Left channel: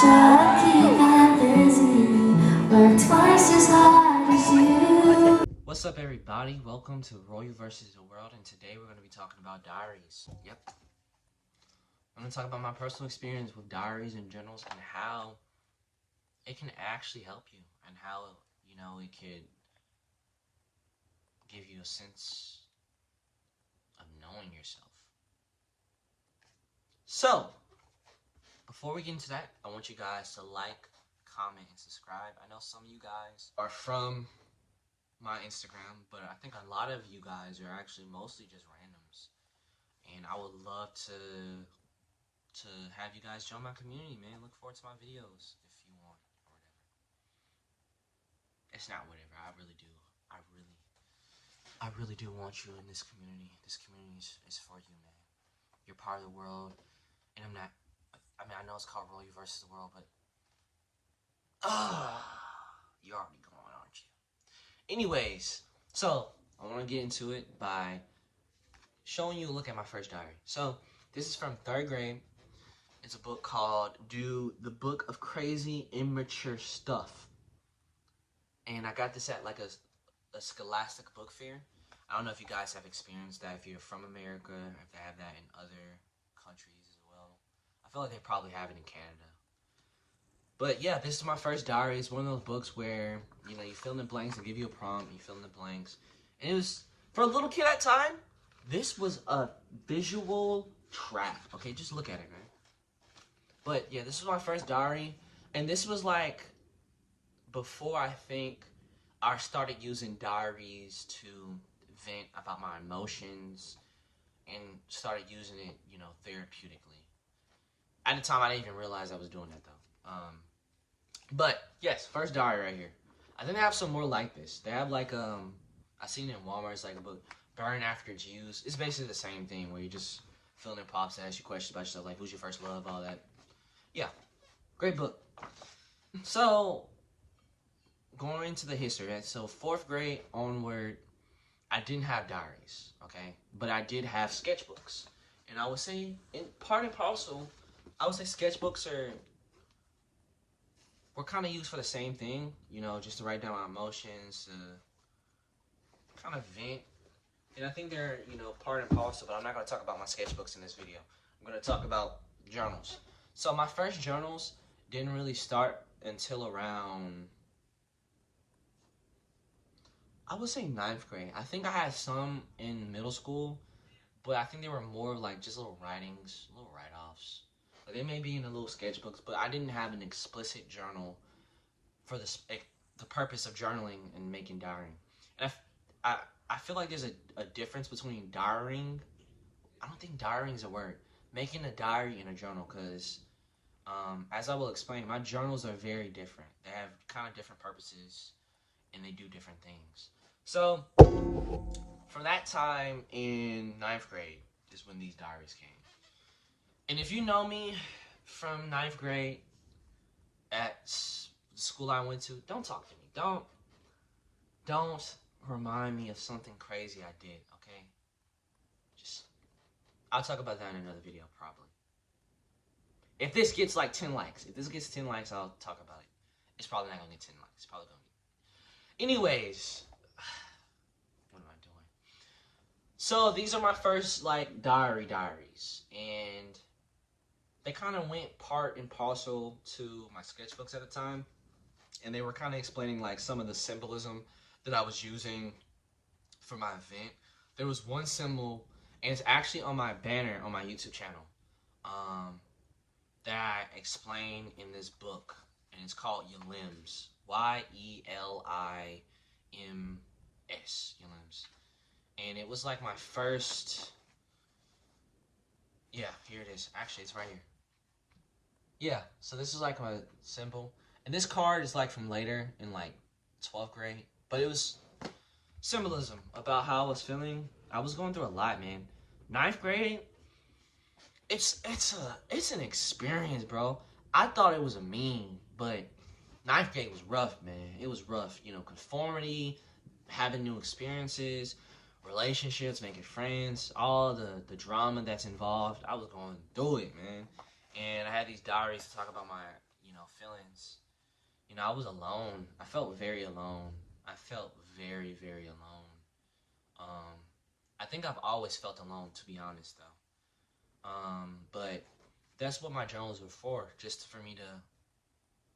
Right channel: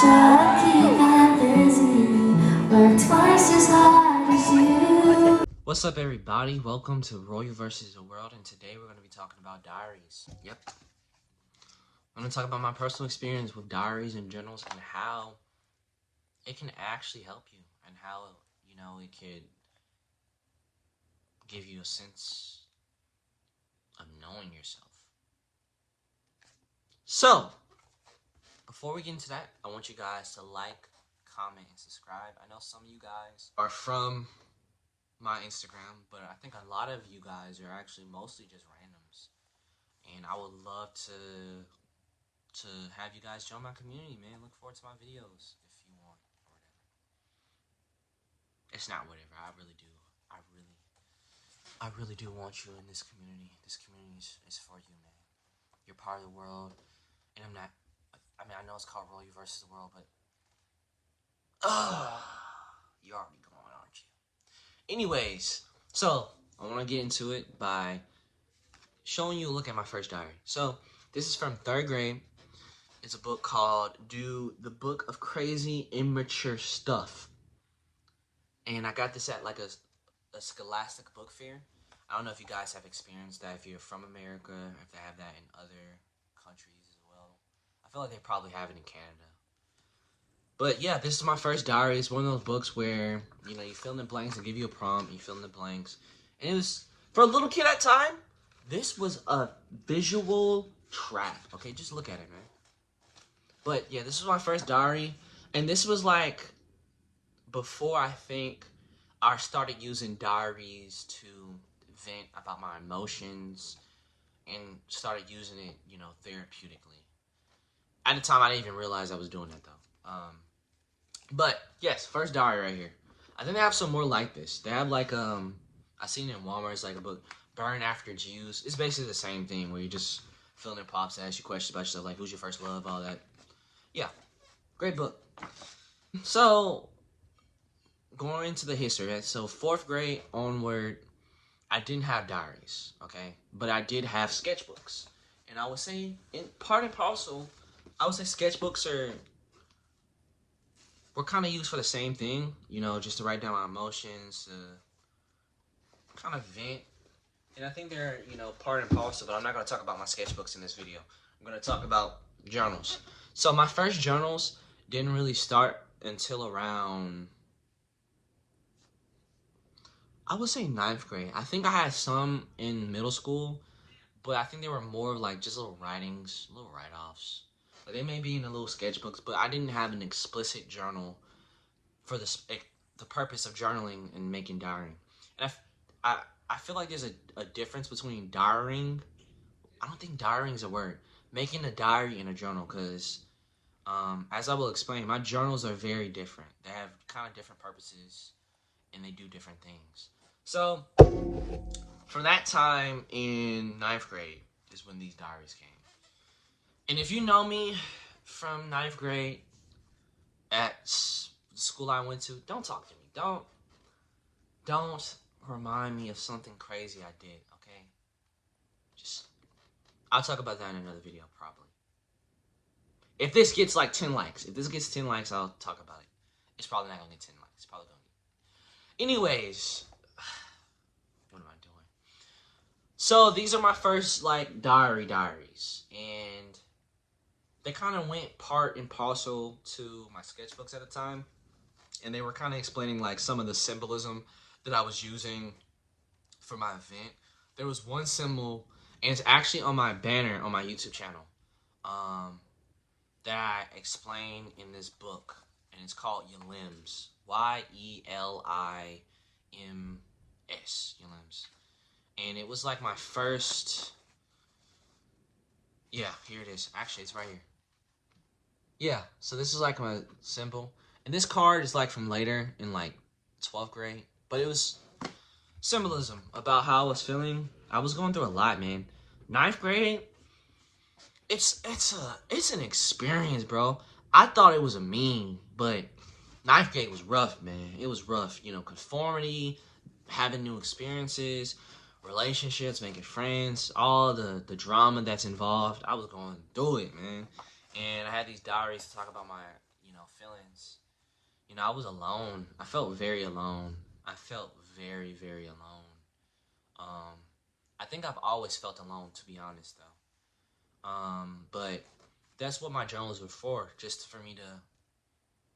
Try to keep them busy, work twice as hard as you. What's up, everybody? Welcome to Royal vs. the World, and today we're going to be talking about diaries. Yep. I'm going to talk about my personal experience with diaries and journals and how it can actually help you and how, it could give you a sense of knowing yourself. So, before we get into that, I want you guys to like, comment, and subscribe. I know some of you guys are from my Instagram, but I think a lot of you guys are actually mostly just randoms, and I would love to have you guys join my community, man. Look forward to my videos if you want, or whatever. It's not whatever. I really do want you in this community. This community is for you, man. You're part of the world, and I know it's called Royal vs. the World, but you're already gone, aren't you? Anyways, so I want to get into it by showing you a look at my first diary. So this is from 3rd grade. It's a book called The Book of Crazy Immature Stuff. And I got this at like a Scholastic book fair. I don't know if you guys have experienced that, if you're from America, if they have that in other countries as well. I feel like they probably have it in Canada. But yeah, this is my first diary. It's one of those books where, you fill in the blanks, they give you a prompt, you fill in the blanks. And it was, for a little kid at time, this was a visual trap. Okay, just look at it, man. But yeah, this was my first diary. And this was like before I think I started using diaries to vent about my emotions and started using it, therapeutically. At the time, I didn't even realize I was doing that, though. But yes, first diary right here. I think they have some more like this. They have like I seen it in Walmart. It's like a book, Burn After It's Used. It's basically the same thing where you just fill in pops, ask you questions about yourself, like who's your first love, all that. Yeah, great book. So going into the history, right? So 4th grade onward, I didn't have diaries, okay, but I did have sketchbooks, and I would say, in part and parcel, I would say sketchbooks were kind of used for the same thing, just to write down my emotions, to kind of vent. And I think they're, part and parcel, but I'm not going to talk about my sketchbooks in this video. I'm going to talk about journals. So my first journals didn't really start until around, I would say 9th grade. I think I had some in middle school, but I think they were more like just little writings, little write-offs. They may be in the little sketchbooks, but I didn't have an explicit journal for the purpose of journaling and making diary. And I feel like there's a difference between diarying. I don't think diarying is a word. Making a diary and a journal, because as I will explain, my journals are very different. They have kind of different purposes, and they do different things. So from that time in 9th grade is when these diaries came. And if you know me from 9th grade at the school I went to, don't talk to me. Don't remind me of something crazy I did, okay? I'll talk about that in another video, probably. If this gets like 10 likes, I'll talk about it. It's probably not gonna get 10 likes. It's probably gonna get. Anyways, what am I doing? So these are my first like diaries, and they kind of went part and parcel to my sketchbooks at the time, and they were kind of explaining like some of the symbolism that I was using for my event. There was one symbol, and it's actually on my banner on my YouTube channel, that I explain in this book, and it's called YELIMS, YELIMS, YELIMS. And it was like my first, yeah, here it is. Actually, it's right here. Yeah, so this is like my symbol. And this card is like from later in like 12th grade. But it was symbolism about how I was feeling. I was going through a lot, man. 9th grade, it's an experience, bro. I thought it was a meme, but 9th grade was rough, man. It was rough. Conformity, having new experiences, relationships, making friends, all the drama that's involved. I was going through it, man. And I had these diaries to talk about my, feelings. I was alone. I felt very alone. I felt very, very alone. I think I've always felt alone, to be honest, though. But that's what my journals were for, just for me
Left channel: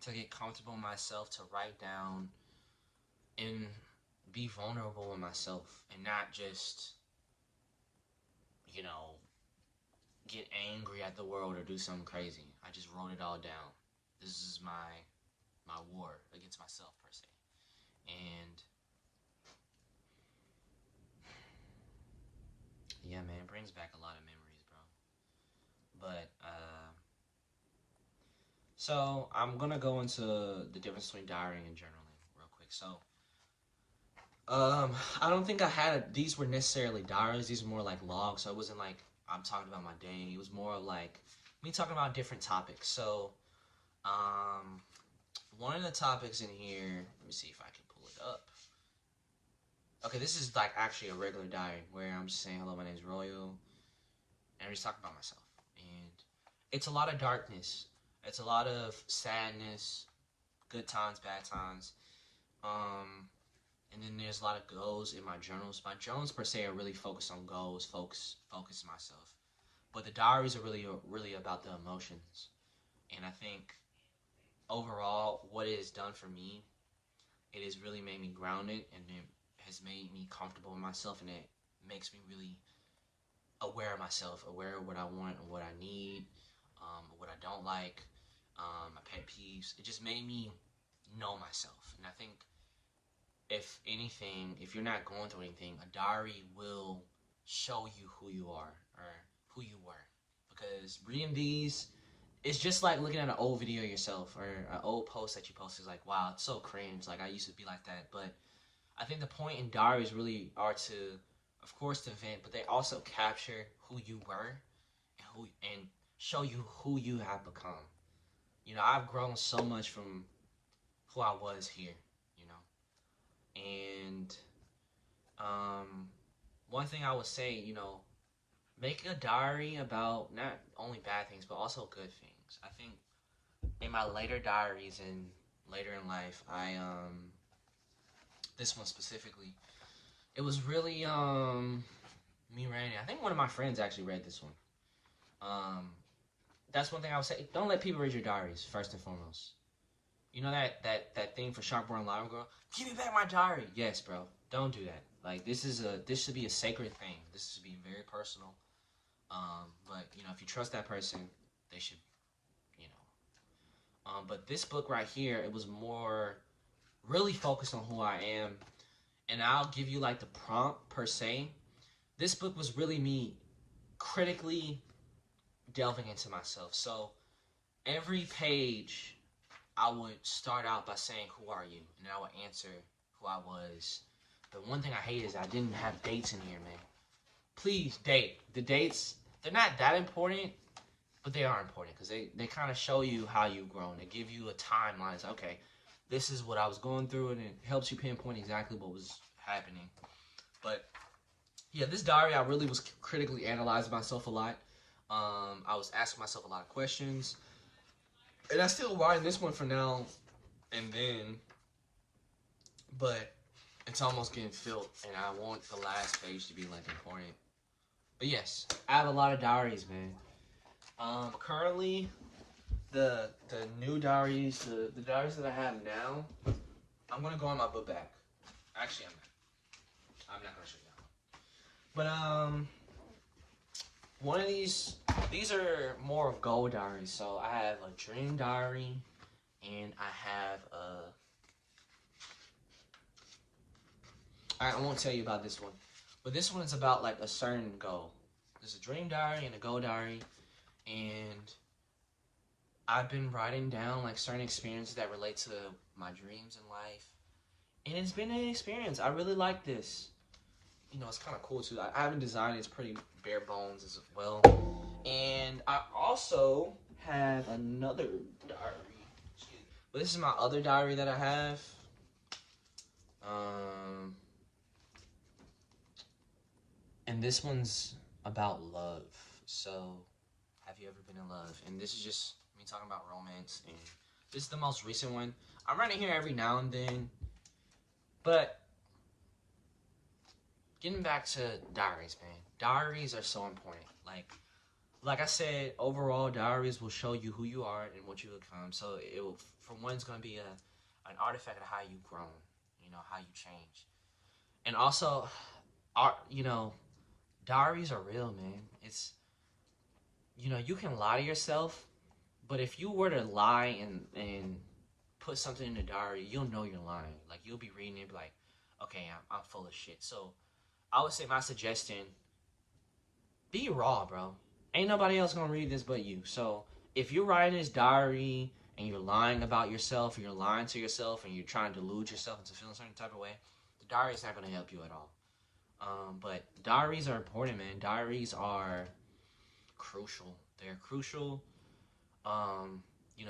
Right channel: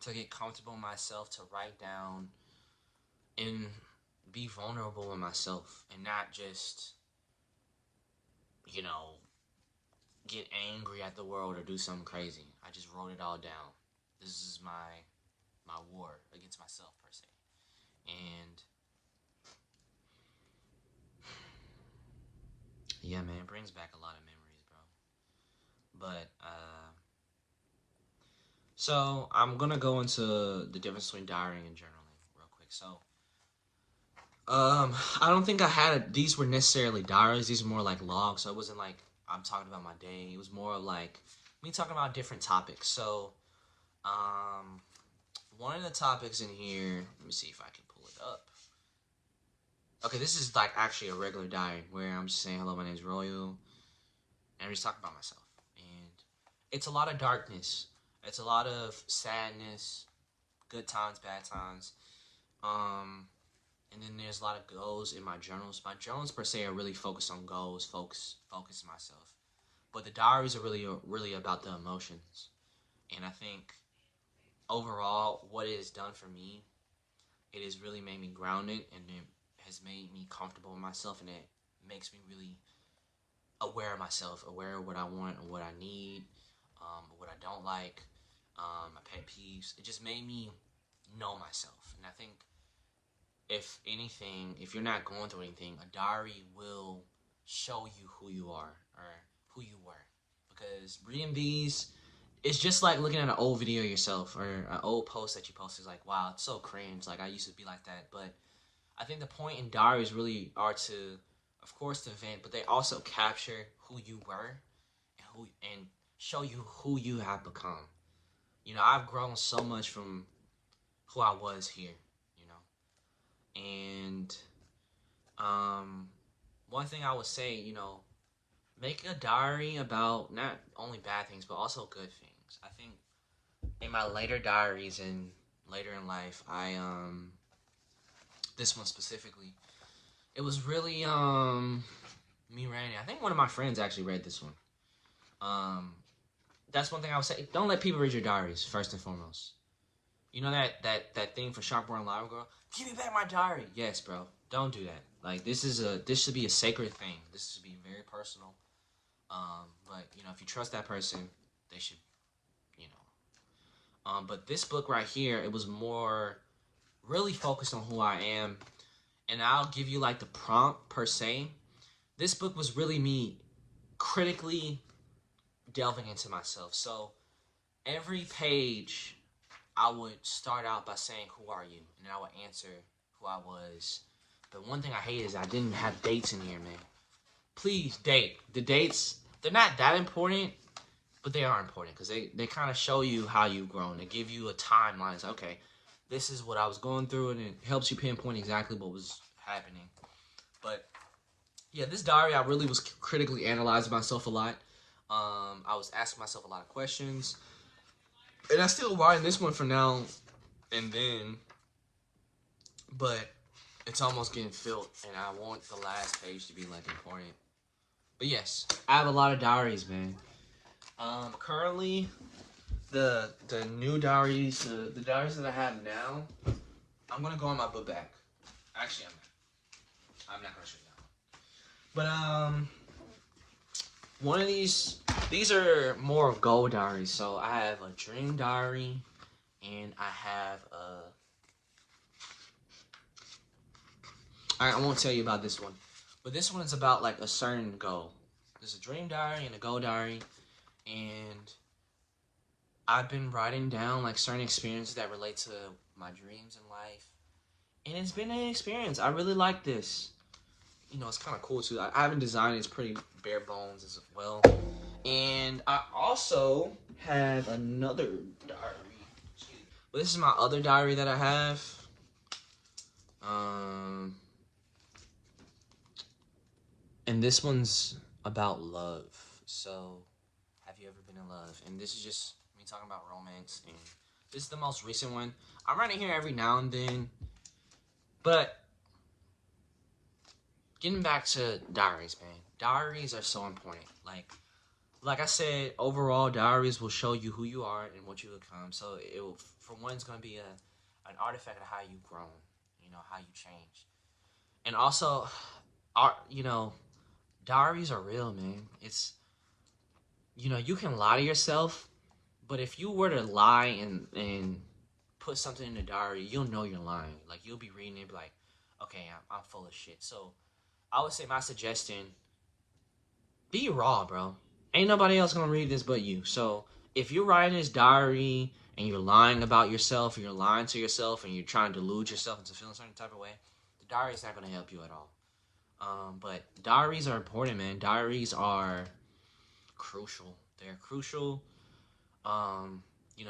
to get comfortable in myself, to write down and be vulnerable in myself, and not just, get angry at the world or do something crazy. I just wrote it all down. This is my war against myself, per se. And yeah, man, it brings back a lot of memories, bro. But so I'm gonna go into the difference between diarying and journaling real quick. So I don't think these were necessarily diaries. These were more like logs. So it wasn't like I'm talking about my day. It was more like me talking about different topics. So one of the topics in here, let me see if I can pull it up. Okay, this is like actually a regular diary where I'm just saying, hello, my name is Royal, and I'm just talking about myself. And it's a lot of darkness. It's a lot of sadness, good times, bad times. And then there's a lot of goals in my journals. My journals per se are really focused on goals, focus myself. But the diaries are really about the emotions. And I think overall, what it has done for me, it has really made me grounded, and it has made me comfortable in myself, and it makes me really aware of myself, aware of what I want and what I need, what I don't like, my pet peeves. It just made me know myself. And I think if anything, if you're not going through anything, a diary will show you who you are or who you were. Because reading these, it's just like looking at an old video of yourself or an old post that you posted. Like, wow, it's so cringe. Like, I used to be like that. But I think the point in diaries really are to, of course, to vent, but they also capture who you were and show you who you have become. I've grown so much from who I was here, And one thing I would say, make a diary about not only bad things, but also good things. I think in my later diaries and later in life, this one specifically, it was really, me writing. I think one of my friends actually read this one. That's one thing I would say. Don't let people read your diaries, first and foremost. You know that thing for Sharp Boy and Live Girl? Give me back my diary. Yes, bro. Don't do that. Like, this should be a sacred thing. This should be very personal. But if you trust that person, they should, But this book right here, it was more really focused on who I am, and I'll give you like the prompt per se. This book was really me critically delving into myself. So every page, I would start out by saying, who are you? And I would answer who I was. The one thing I hate is I didn't have dates in here, man. Please date. The dates, they're not that important, but they are important because they kind of show you how you've grown. They give you a timeline. It's okay, this is what I was going through, and it helps you pinpoint exactly what was happening. But yeah, this diary, I really was critically analyzing myself a lot. I was asking myself a lot of questions. And I still write this one for now and then, but it's almost getting filled, and I want the last page to be like important. But yes, I have a lot of diaries, man. Currently, the new diaries, the diaries that I have now, I'm gonna go on my book bag. Actually, I'm not gonna show you that. But one of these are more of goal diaries. So I have a dream diary, and I have I won't tell you about this one, but this one is about like a certain goal. There's a dream diary and a goal diary, and I've been writing down like certain experiences that relate to my dreams in life, and it's been an experience. I really like this. It's kind of cool too. I haven't designed it. It's pretty bare bones as well. And I also have another diary. But this is my other diary that I have. And this one's about love. So, have you ever been in love? And this is just me talking about romance and This is the most recent one. I'm writing here every now and then. But getting back to diaries, man. Diaries are so important. Like I said, overall, diaries will show you who you are and what you become. So it will, for one, it's going to be an artifact of how you've grown, how you change. And also, diaries are real, man. It's, you can lie to yourself, but if you were to lie and put something in a diary, you'll know you're lying. Like, you'll be reading it, like, okay, I'm full of shit. So I would say my suggestion, be raw, bro. Ain't nobody else gonna read this but you. So if you're writing this diary and you're lying about yourself, or you're lying to yourself, and you're trying to delude yourself into feeling a certain type of way, the diary is not gonna help you at all. But diaries are important, man. Diaries are crucial. They're crucial.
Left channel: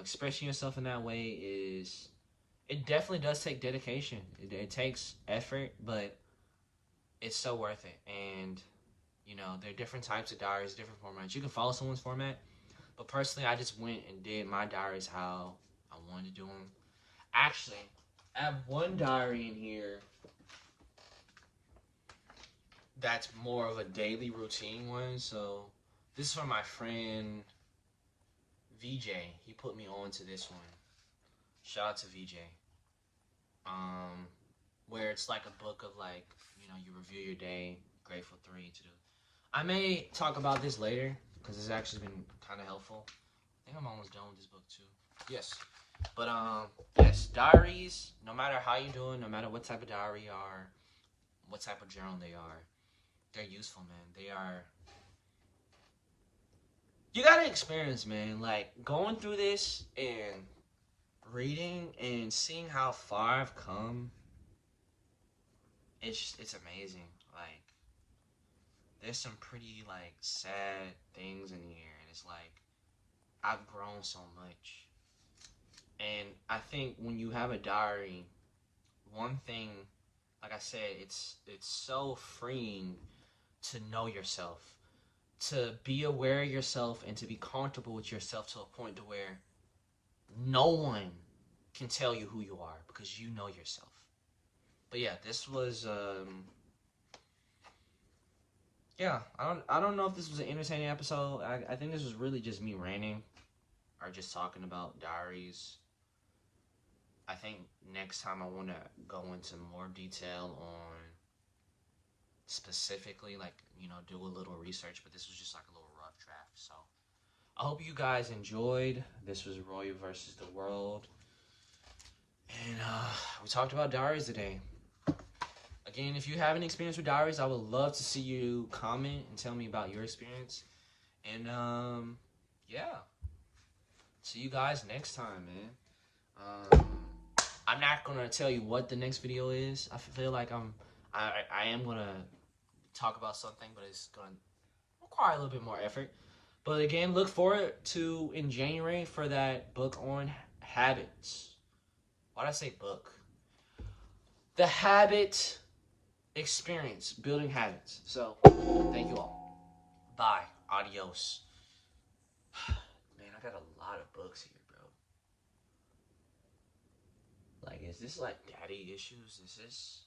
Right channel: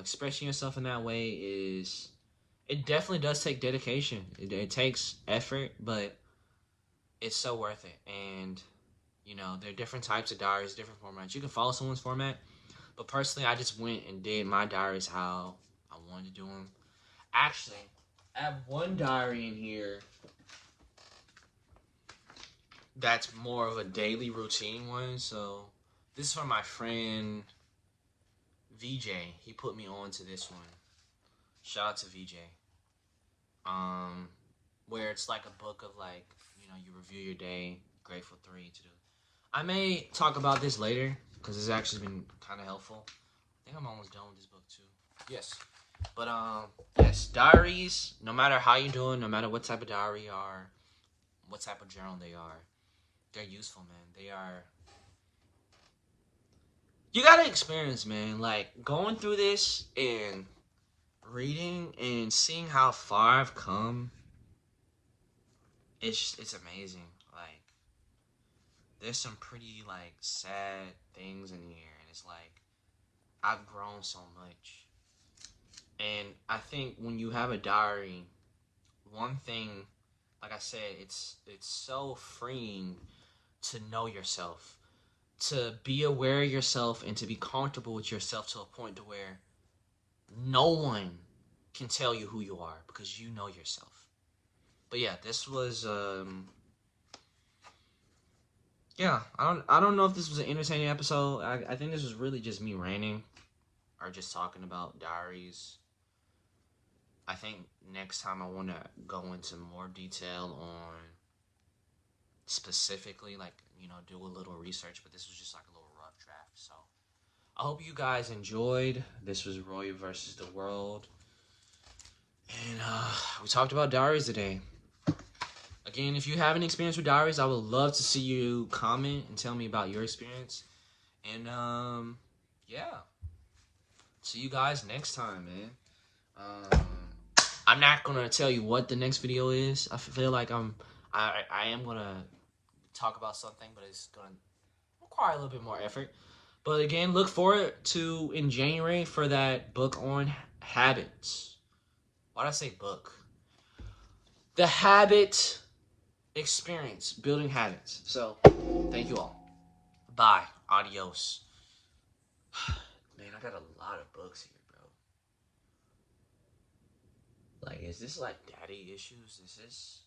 Expressing yourself in that way it definitely does take dedication. It takes effort, but it's so worth it. And there are different types of diaries, different formats. You can follow someone's format, but personally, I just went and did my diaries how I wanted to do them. Actually, I have one diary in here that's more of a daily routine one. So this is from my friend VJ. He put me on to this one. Shout out to VJ. Where it's like a book of you review your day, grateful 3 to do. I may talk about this later because it's actually been kind of helpful. I think I'm almost done with this book too. Yes. But yes, diaries, no matter how you're doing, no matter what type of diary you are, what type of journal they are, they're useful, man. They are. You gotta experience, man. Like, going through this and reading and seeing how far I've come, it's amazing. Like, there's some pretty sad things in here, and it's like I've grown so much. And I think when you have a diary, one thing, like I said, it's so freeing to know yourself, to be aware of yourself, and to be comfortable with yourself to a point to where no one can tell you who you are because you know yourself. But yeah, this was I don't know if this was an entertaining episode. I think this was really just me ranting or just talking about diaries. I think next time I want to go into more detail on specifically, do a little research, but this was just like a little rough draft. So I hope you guys enjoyed. This was Roy versus the World. And we talked about diaries today. Again, if you have any experience with diaries, I would love to see you comment and tell me about your experience. And yeah, see you guys next time, man. I'm not gonna tell you what the next video is. I feel like I am gonna talk about something, but it's gonna require a little bit more effort. But again, look forward to in January for that book on habits. Why did I say book? The habit experience, building habits. So, thank you all. Bye. Adios. Man, I got a lot of books here, bro. Like, is this like daddy issues? Is this...